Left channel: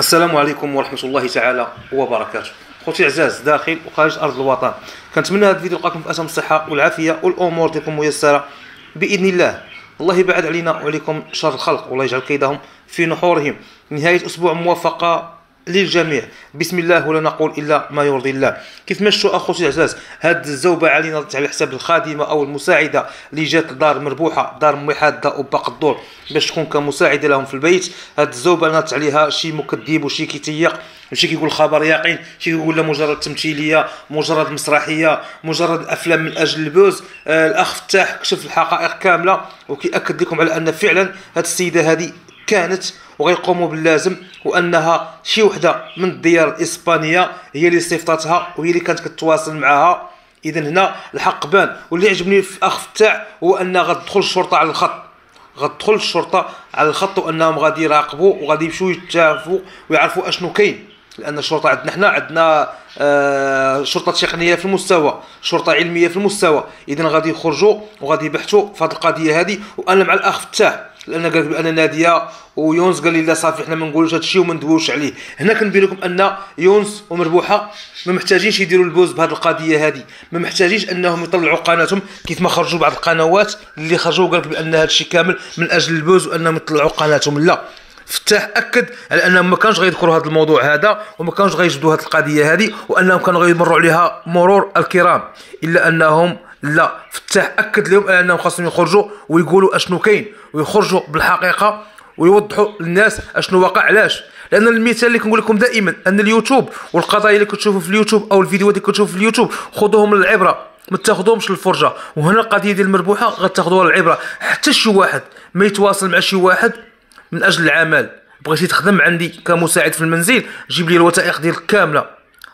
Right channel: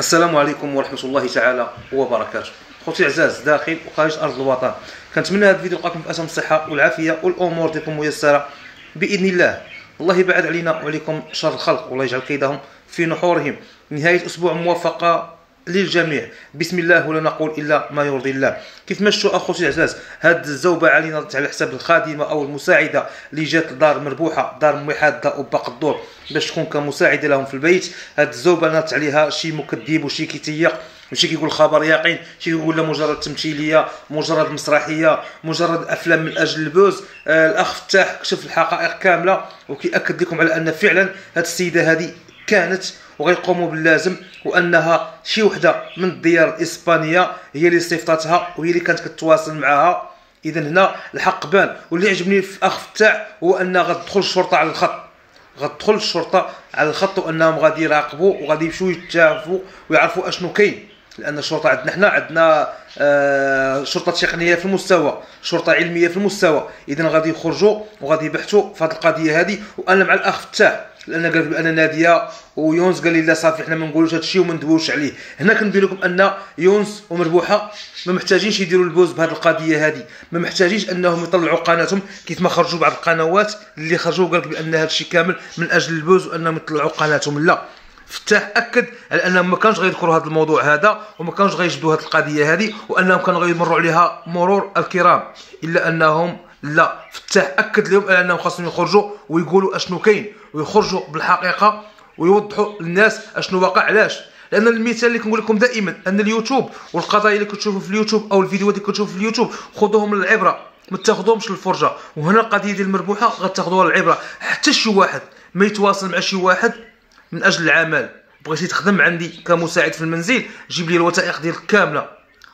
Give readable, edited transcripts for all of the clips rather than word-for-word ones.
السلام عليكم ورحمة الله تعالى وبركاته. خوتي العزاز داخل وخارج أرض الوطن، كنتمنى هذا الفيديو يلقاكم في أتم الصحة والعافية والأمور ديالكم ميسرة بإذن الله. الله يبعد علينا وعليكم شر الخلق والله يجعل كيدهم في نحورهم. نهاية أسبوع موفقة للجميع بسم الله، ولا نقول الا ما يرضي الله. كيف مشوا اخوتي العزاز هاد الزوبه علينا على حساب الخادمه او المساعده اللي جات لدار مربوحه، دار امي حاده وباق الدور باش تكون كمساعده لهم في البيت. هاد الزوبه نات عليها شي مكذب وشي كيتيق وشي كيقول خبر يقين، شي كيقول لا مجرد تمثيليه، مجرد مسرحيه، مجرد افلام من اجل البوز. الاخ فتاح كشف الحقائق كامله وكيأكد لكم على ان فعلا هاد السيده هذه كانت وغيقوموا باللازم، وانها شي وحده من الديار الاسبانيه هي اللي صيفطتها وهي اللي كانت كتواصل معها. اذا هنا الحق بان. واللي عجبني في اخ فتاح هو ان غتدخل الشرطه على الخط، غتدخل الشرطه على الخط، وانهم غادي يراقبوا وغادي يمشيو يتشافوا ويعرفوا اشنو كاين. لان الشرطه عندنا حنا عندنا شرطه تقنيه في المستوى، شرطه علميه في المستوى. اذا غادي يخرجوا وغادي يبحثوا في هذه القضيه هذه. وانا مع الاخ فتاح لان قال بان ناديه ويونس قال لي لا صافي حنا ما نقولوش هذا الشيء وما ندويوش عليه. هنا كنبين لكم ان يونس ومربوحه ما محتاجينش يديروا البوز بهذه القضيه هذه، ما محتاجينش انهم يطلعوا قناتهم كيف ما خرجوا بعض القنوات اللي خرجوا قال لك بان هذا الشيء كامل من اجل البوز وانهم يطلعوا قناتهم. لا، فتاح اكد على انهم ما كانوش غيذكروا هذا الموضوع هذا وما كانوش غيجبدوا هذه القضيه هذه، وانهم كانوا غيمروا عليها مرور الكرام. الا انهم لا، فتاح اكد لهم على انهم خاصهم يخرجوا ويقولوا اشنو كاين ويخرجوا بالحقيقه ويوضحوا للناس اشنو واقع. علاش؟ لان المثال اللي كنقول لكم دائما ان اليوتيوب والقضايا اللي كتشوفوا في اليوتيوب او الفيديوهات اللي كتشوفوا في اليوتيوب خذوهم للعبره، ما تاخذوهمش للفرجه. وهنا القضيه ديال المربوحه غتاخذوها للعبره. حتى شي واحد ما يتواصل مع شي واحد من اجل العمل، بغيتي تخدم عندي كمساعد في المنزل، جيب لي الوثائق ديالك كامله،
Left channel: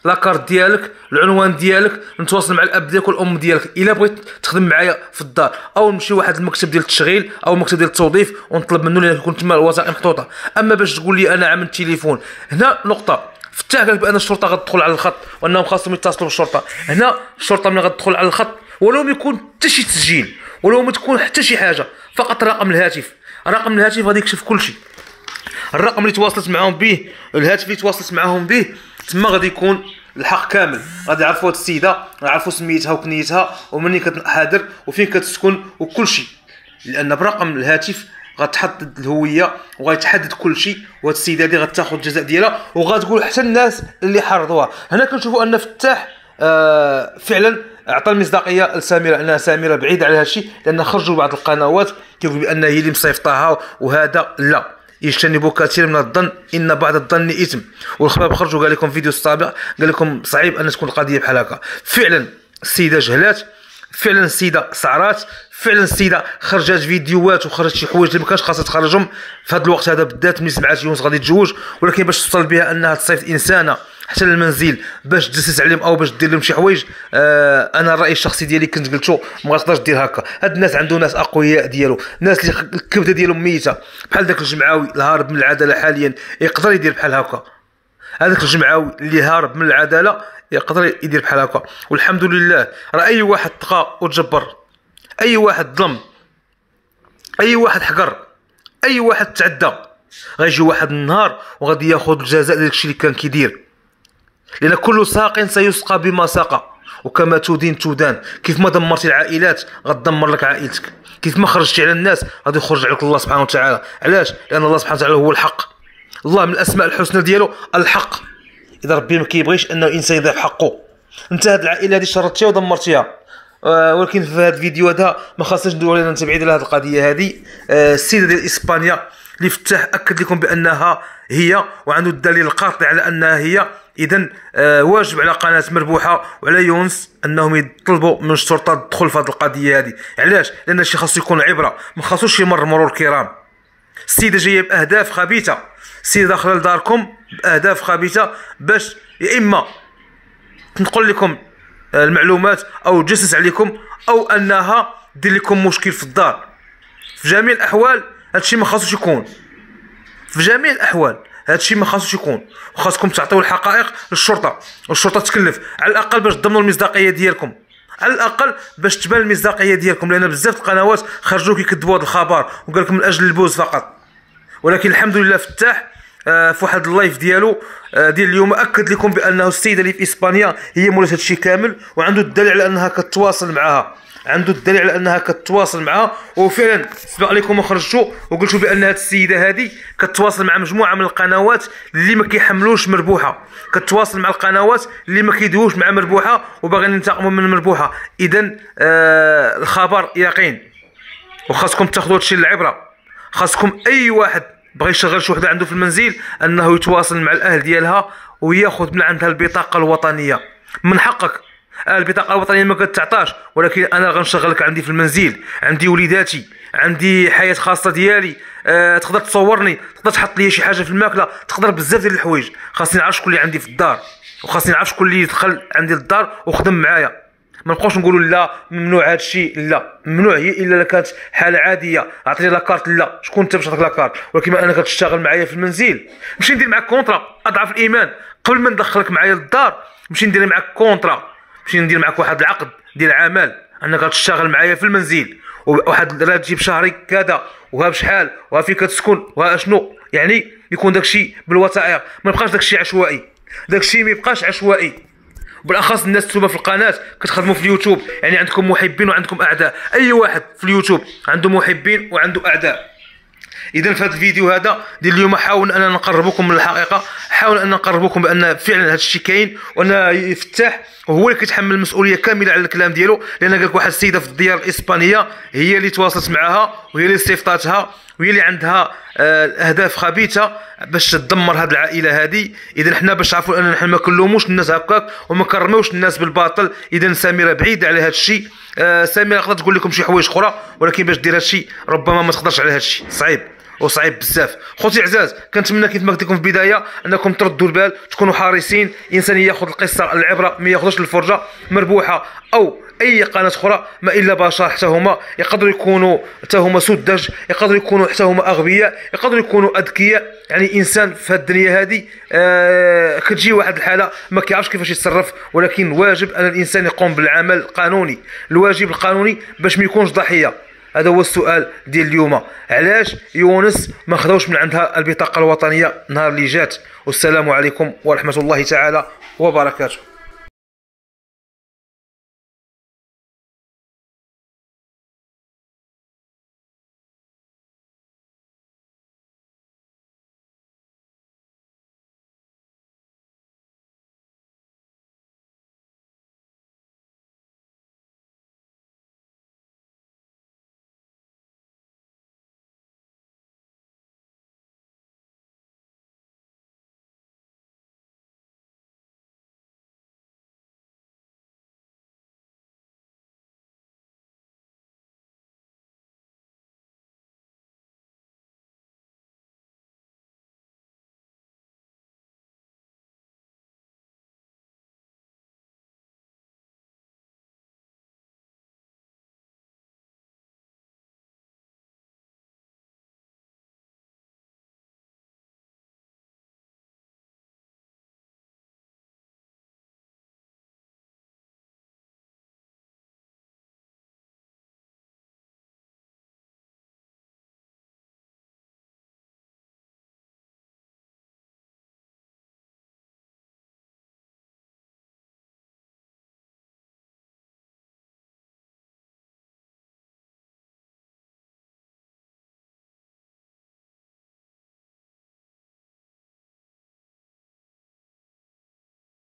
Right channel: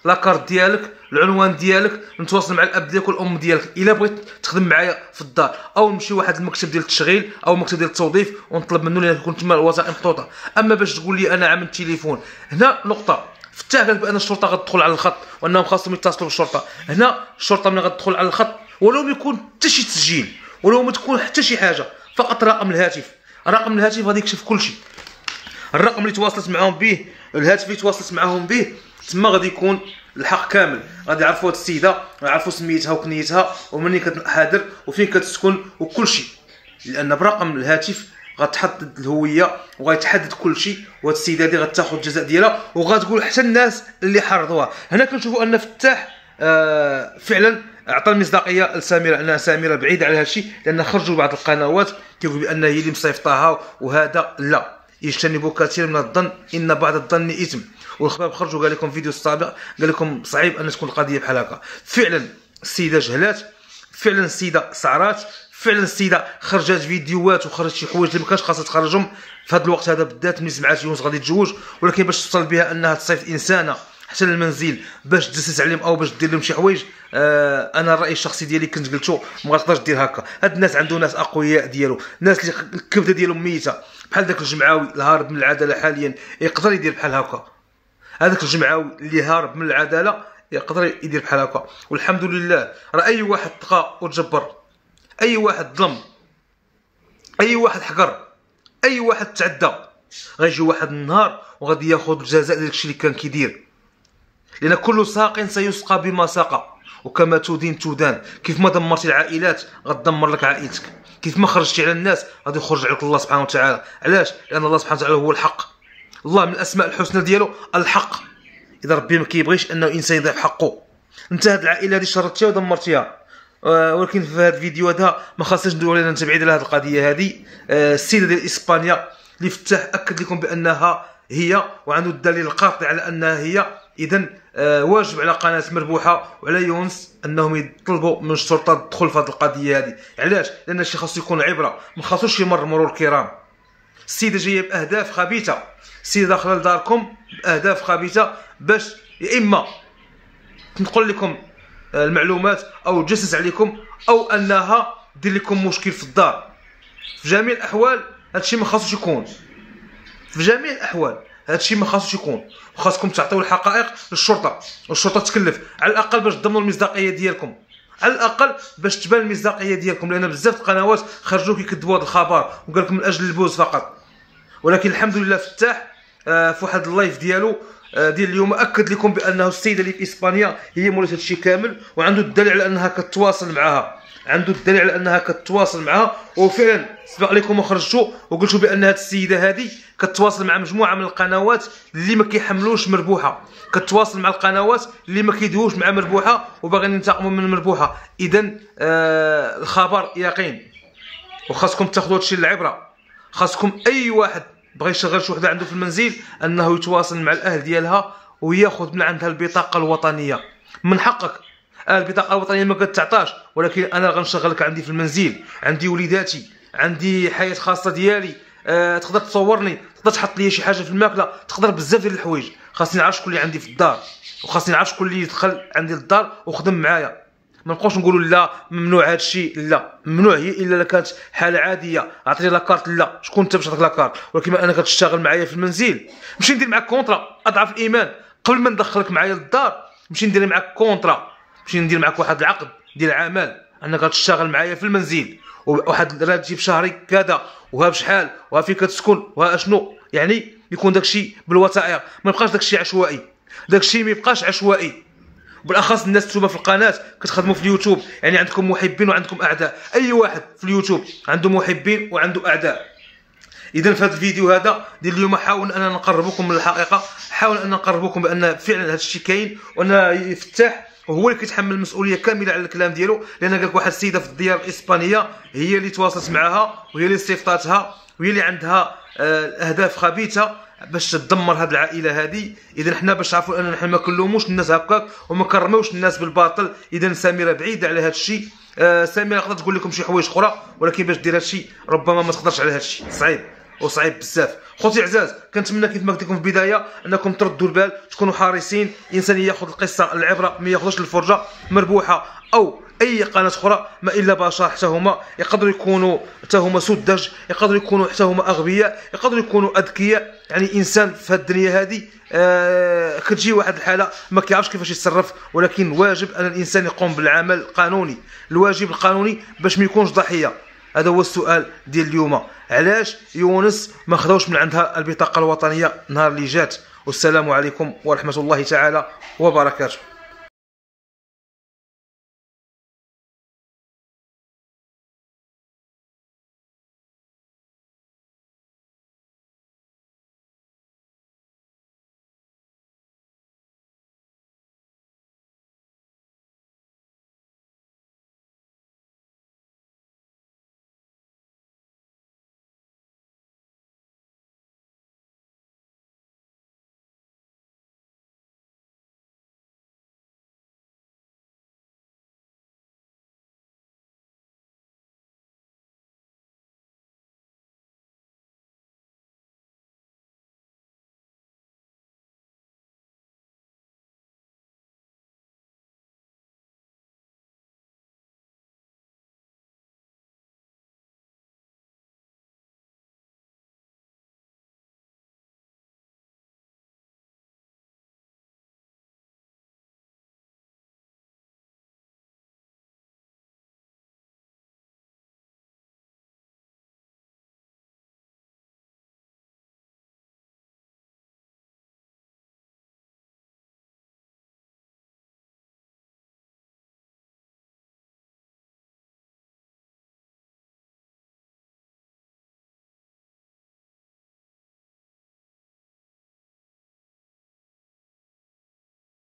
لاكارت ديالك، العنوان ديالك، نتواصل مع الاب ديالك والام ديالك. الا بغيت تخدم معايا في الدار او نمشي واحد المكتب ديال التشغيل او المكتب ديال التوظيف ونطلب منه لان يكون تما الوثائق محطوطه. اما باش تقول لي انا عامل التليفون، هنا نقطه. فتاح قال بان الشرطه غتدخل على الخط وانهم خاصهم يتصلوا بالشرطه. هنا الشرطه ملي غتدخل على الخط ولو ما يكون حتى شي تسجيل ولو ما تكون حتى شي حاجه، فقط رقم الهاتف، رقم الهاتف غادي يكشف كل شيء. الرقم اللي تواصلت معاهم به، الهاتف اللي تواصلت معاهم به، تما غادي يكون الحق كامل. غادي يعرفوا هاد السيده، غيعرفوا سميتها وكنيتها ومنين كتحاضر وفين كتسكن وكل شيء. لان برقم الهاتف غتحدد الهويه وغيتحدد كل شيء. وهاد السيده هادي غتاخذ الجزاء ديالها وغتقول حتى الناس اللي حرضوها. هنا كنشوفوا ان فتاح فعلا اعطى المصداقيه لسميره، انها سميره بعيده على هذا الشيء، لان خرجوا بعض القنوات كيقولوا بان هي اللي مصيفطاها. وهذا لا، يجتنبوا كثير من الظن ان بعض الظن اثم. والخباب خرجوا قال لكم فيديو السابق قال لكم صعيب ان تكون القضيه بحال هكا. فعلا السيده جهلات، فعلا السيده سعرات، فعلا السيده خرجت فيديوهات وخرجت شي حوايج اللي ما كانش خاصها تخرجهم في هذا الوقت هذا بالذات ملي سمعات يونس غادي تتزوج. ولكن باش توصل بها انها تصيفط انسانه حتى للمنزل باش تجسس عليهم او باش دير لهم شي حوايج، انا الراي الشخصي ديالي كنت قلتو ما غاتقدرش دير هكا. هاد الناس عنده ناس اقوياء ديالو، ناس اللي الكبده ديالهم ميته، بحال داك الجمعاوي الهارب من العداله حاليا يقدر يدير بحال هكا. هذاك الجمعاوي اللي هارب من العداله يقدر يدير بحال هكا. والحمد لله راه اي واحد طغى وتجبر، اي واحد ظلم، اي واحد حقر، اي واحد تعدى، غيجي واحد النهار وغادي ياخذ الجزاء ديال الشيء اللي كان كيدير. لان كل ساق سيسقى بما سقى، وكما تدين تدان. كيف ما دمرتي العائلات غتدمر لك عائلتك، كيف ما خرجتي على الناس غادي يخرج عليك الله سبحانه وتعالى. علاش؟ لان الله سبحانه وتعالى هو الحق. الله من الاسماء الحسنى ديالو الحق. اذا ربي ما كيبغيش انه انسان يضيع حقه. انت هاد العائله هادي شردتيها ودمرتيها. ولكن في هذا الفيديو هذا ما خاصناش ندوي علينا انت بعيد على هذه القضيه هذه. السيده ديال اسبانيا اللي فتح اكد لكم بانها هي، وعنده الدليل القاطع على انها هي. اذا واجب على قناه مربوحه وعلى يونس انهم يطلبوا من الشرطه تدخل في هذه القضيه هذه. علاش؟ لان الشيء خاصو يكون عبره، ما خاصوش يمر مرور الكرام. السيده جايه باهداف خبيثه، السيده داخله لداركم باهداف خبيثه باش يا اما تنقل لكم المعلومات او تجسس عليكم او انها دير لكم مشكل في الدار. في جميع الاحوال هذا الشيء ما خاصوش يكون، في جميع الاحوال هذا الشيء ما خاصوش يكون. وخاصكم تعطيو الحقائق للشرطه، والشرطه تكلف على الاقل باش تضمنوا المصداقيه ديالكم، على الاقل باش تبان المصداقيه ديالكم. لان بزاف القنوات خرجوا كيكذبوا هذا الخبر وقال لكم من اجل البوز فقط. ولكن الحمد لله فتاح في واحد اللايف ديالو ديال اليوم اكد لكم بانه السيده اللي في اسبانيا هي مولات هادشي كامل، وعنده الدليل على انها كتواصل معها، عنده الدليل على انها كتواصل معها. وفعلا سبق لكم وخرجتوا وقلتوا بان هاد السيده هذه كتواصل مع مجموعه من القنوات اللي ما كيحملوش مربوحه، كتواصل مع القنوات اللي ما كيدووش مع مربوحه وباغيين ينتقموا من مربوحه. اذا الخبر يقين، وخاصكم تاخذوا هادشي العبره. خاصكم اي واحد بغى يشغل شي وحده عنده في المنزل انه يتواصل مع الاهل ديالها وياخذ من عندها البطاقه الوطنيه. من حقك، البطاقه الوطنيه ما كتعطاش، ولكن انا غنشغلك عندي في المنزل، عندي وليداتي، عندي حياه خاصه ديالي. تقدر تصورني، تقدر تحط لي شي حاجه في الماكله، تقدر بزاف ديال الحوايج. خاصني نعرف شكون اللي عندي في الدار، وخاصني نعرف شكون اللي دخل عندي للدار وخدم معايا. ما نبقاوش نقولوا لا ممنوع هذا الشيء، لا ممنوع هي الا كانت حاله عاديه. عطيني لاكارت، لا شكون انت باش تعطيك لاكارت؟ ولكن انا كتشتغل معايا في المنزل، نمشي ندير معاك كونطرا اضعف الايمان قبل ما ندخلك معايا للدار. نمشي ندير معاك كونطرا، نمشي ندير معاك واحد العقد ديال عمل انك غتشتغل معايا في المنزل، وواحد الراتب شهري كذا، وها بشحال، وها فين كتسكن، وها شنو. يعني يكون داكشي بالوثائق، ما يبقاش داكشي عشوائي، داكشي ما يبقاش عشوائي. بالاخص الناس توما في القناه كتخدموا في اليوتيوب، يعني عندكم محبين وعندكم اعداء. اي واحد في اليوتيوب عنده محبين وعنده اعداء. اذا في هذا الفيديو هذا ديال اليوم حاول اننا نقربكم من الحقيقه، حاول ان نقربكم بان فعلا هذا الشيء كاين، وان يفتح وهو اللي كيتحمل المسؤوليه كامله على الكلام ديالو. لان قال لك واحد السيده في الديار الاسبانيه هي اللي تواصلت معها، وهي اللي استفطاتها، وهي اللي عندها اهداف خبيثه باش تدمر هذه العائله هذه. اذا حنا باش نعرفوا ان حنا ما كنلوموش الناس هكاك وما كرموش الناس بالباطل. اذا سميره بعيده على هذا الشيء. سميره تقدر تقول لكم شي حوايج اخرى، ولكن باش دير هذا الشيء ربما ما تقدرش على هذا الشيء، صعيب وصعيب بزاف. خوتي عزاز، كنتمنى كيف ما قلت لكم في البدايه انكم تردوا البال، تكونوا حريصين. الانسان ياخذ القصه العبره، ما ياخذش الفرجه. مربوحه او اي قناه اخرى ما الا بشر، حتى هما يقدروا يكونوا حتى هما سذج، يقدروا يكونوا حتى هما اغبياء، يقدروا يكونوا اذكياء. يعني الانسان في هذه الدنيا هذه كتجي واحد الحاله ما كيعرفش كيفاش يتصرف، ولكن واجب ان الانسان يقوم بالعمل القانوني، الواجب القانوني باش ما يكونش ضحيه. هذا هو السؤال ديال اليوم، علاش يونس ما خداوش من عندها البطاقه الوطنيه نهار اللي جات؟ والسلام عليكم ورحمه الله تعالى وبركاته.